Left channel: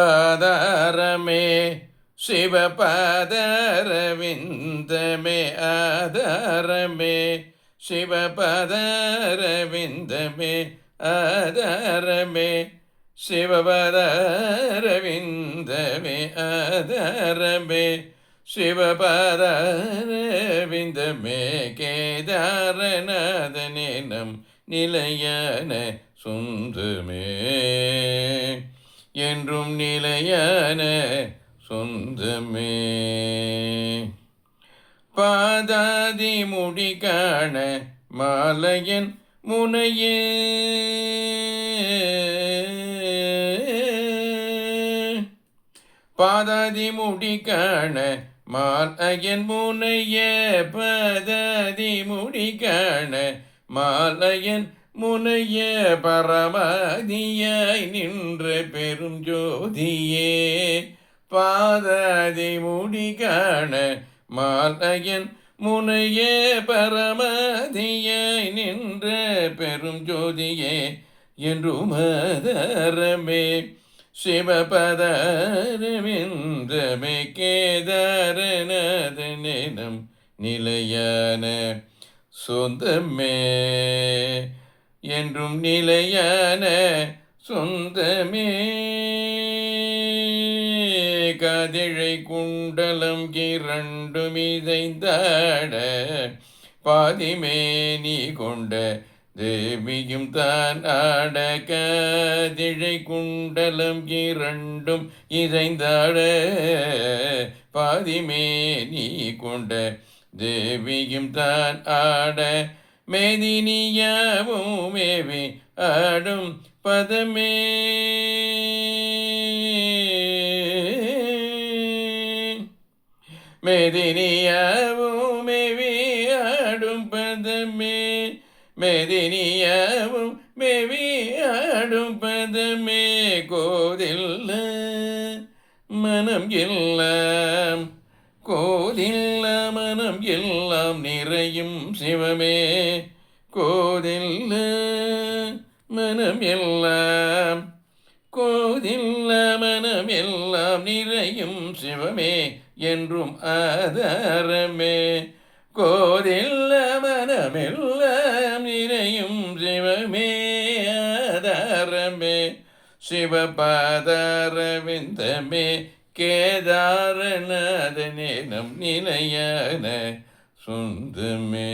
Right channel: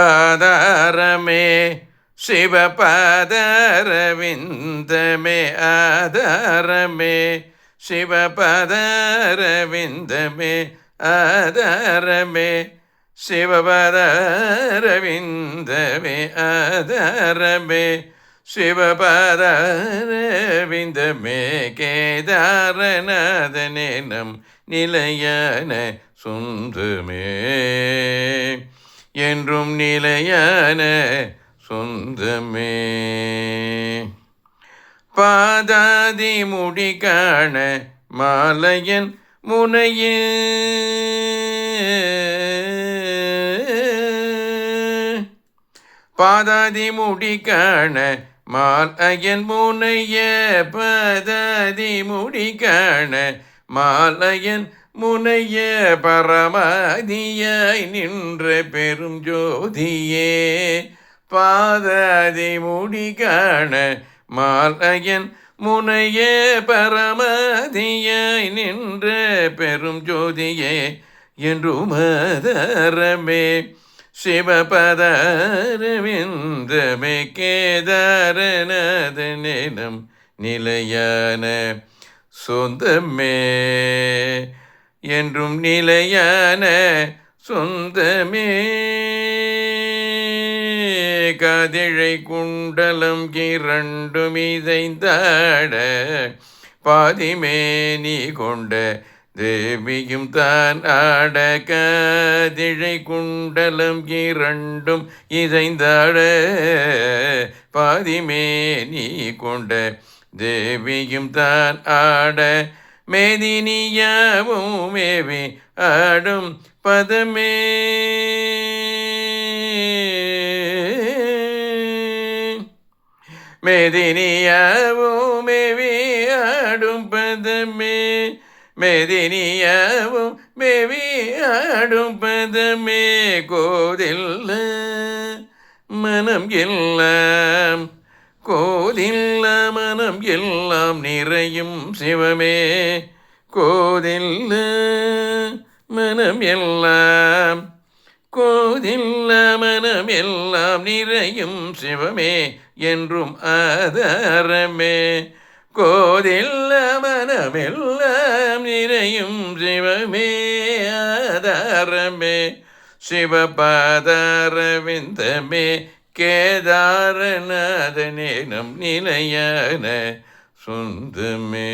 ஆதாரமே சிவபதரவிந்தமே ஆதாரமே சிவபதரவிந்தமே ஆதாரமே சிவபதரவிந்தமே ஆதாரமே சிவபதரவிந்தமே கேதாரநாதனே நம் நிலையான சொந்தமே என்றும் நிலையான சொந்தமே. பாதாதி முடி காண மாலையன் முனையே பாதாதி முடி காண மாலையன் முனைய பாதாதி முடி காண மாலையன் முனைய பரமாதியாய் நின்ற பெரும் ஜோதியே பாதாதி முடி காண மாலையன் முனைய பரமாதியாய் நின்ற பெரும் ஜோதியே என்றும் ஆதாரமே சிவபதரவிந்தமே கேதாரநாதனே நம் நிலையான சொந்தமே என்றும் நிலையான சொந்தமே. காதிழை குண்டலம் இரண்டும் இசைந்தாட பாதிமேனி கொண்ட தேவியும் தான் ஆட காதிழை குண்டலம் இரண்டும் இசைந்தாட பாதிமேனி கொண்ட தேவியும் தான் ஆட மேதினியாவும் மேவி ஆடும் பதமே மேதினியாவும் மேவி ஆடும் பதமே மேதினியாவும் மேவி ஆடும் பதமே கோதில்ல மனம் எல்லாம் கோதில்ல மனம் எல்லாம் நிறையும் சிவமே கோதில்ல மனம் எல்லாம் கோதில்ல மனம் எல்லாம் நிறையும் சிவமே என்றும் ஆதாரமே கோதில்ல மனம் எல்லாம் நிறையும் சிவமே ஆதாரமே சிவபாதாரவிந்தமே கேதாரநாதனே நம் நிலையான சொந்தமே.